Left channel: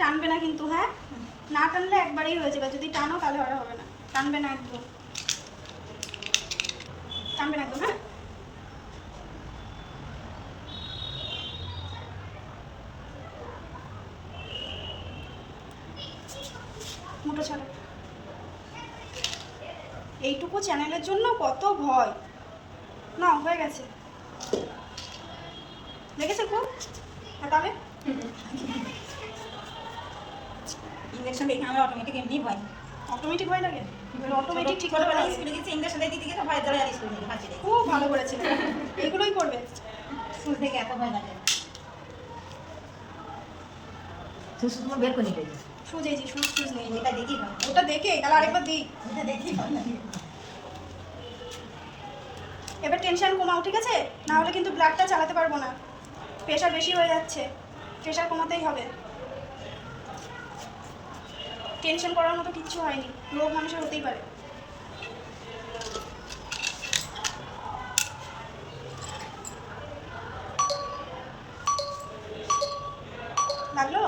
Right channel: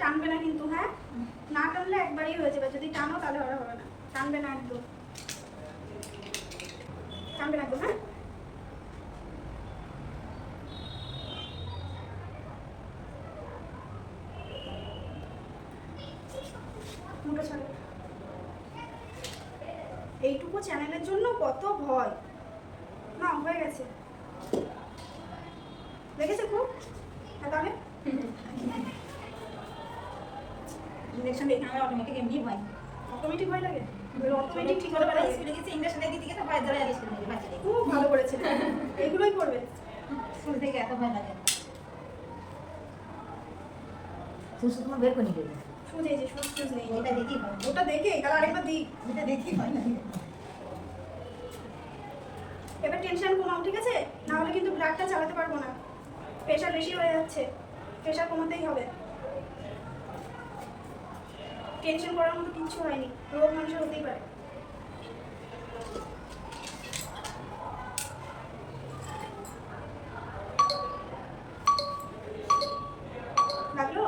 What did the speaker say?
টানবে না কিন্তু, হ্যাঁ না টানলে একবারই হয়ে যাবে, যদি টানো তাহলে আর হবে না। টানবে না একদম, টানবে না একদম। হ্যাঁ মুঠো ছাড়ো। এইটুকু চ্যানেলের জন্য কত ভয় না, হয়ে গেছে দেখেছো খুব। তাহলে ইঞ্জেকশন দেখে আমার অটোমেটিক এমনি ভয়, অটোমেটিক ভয় লাগে। অটোমেটিক ঠিক করে ছোটবেলায় স্কুলে গেছি, ইঞ্জেকশন দিতে গেছে ভয় ধরে আর স্কুল থেকে বাঁচিয়ে দেয়। খুব ভালো করেছে, এইগুলোই করবে। স্কুল থেকে এত ভয় লাগে। সুস তোমার বের করে নিবে, সুজ এই যে সুজ সুজ নেই, ওটা দেখি ভয়, ওটা দেখে তাহলে আরেকবার দিই। ওটা দেখি ভয় লাগে। এবার টেনশন কমাও, ঠিক আছে, না হলে কিন্তু ব্লাডটা চালাতে পারবো না, প্রেশার বেশি হয়ে যাচ্ছে, প্রেশার কমাতেই হবে। টেনশন করার মতো কিচ্ছু হয়নি, রোগ মানুষের হতেই পারে। লাগলো?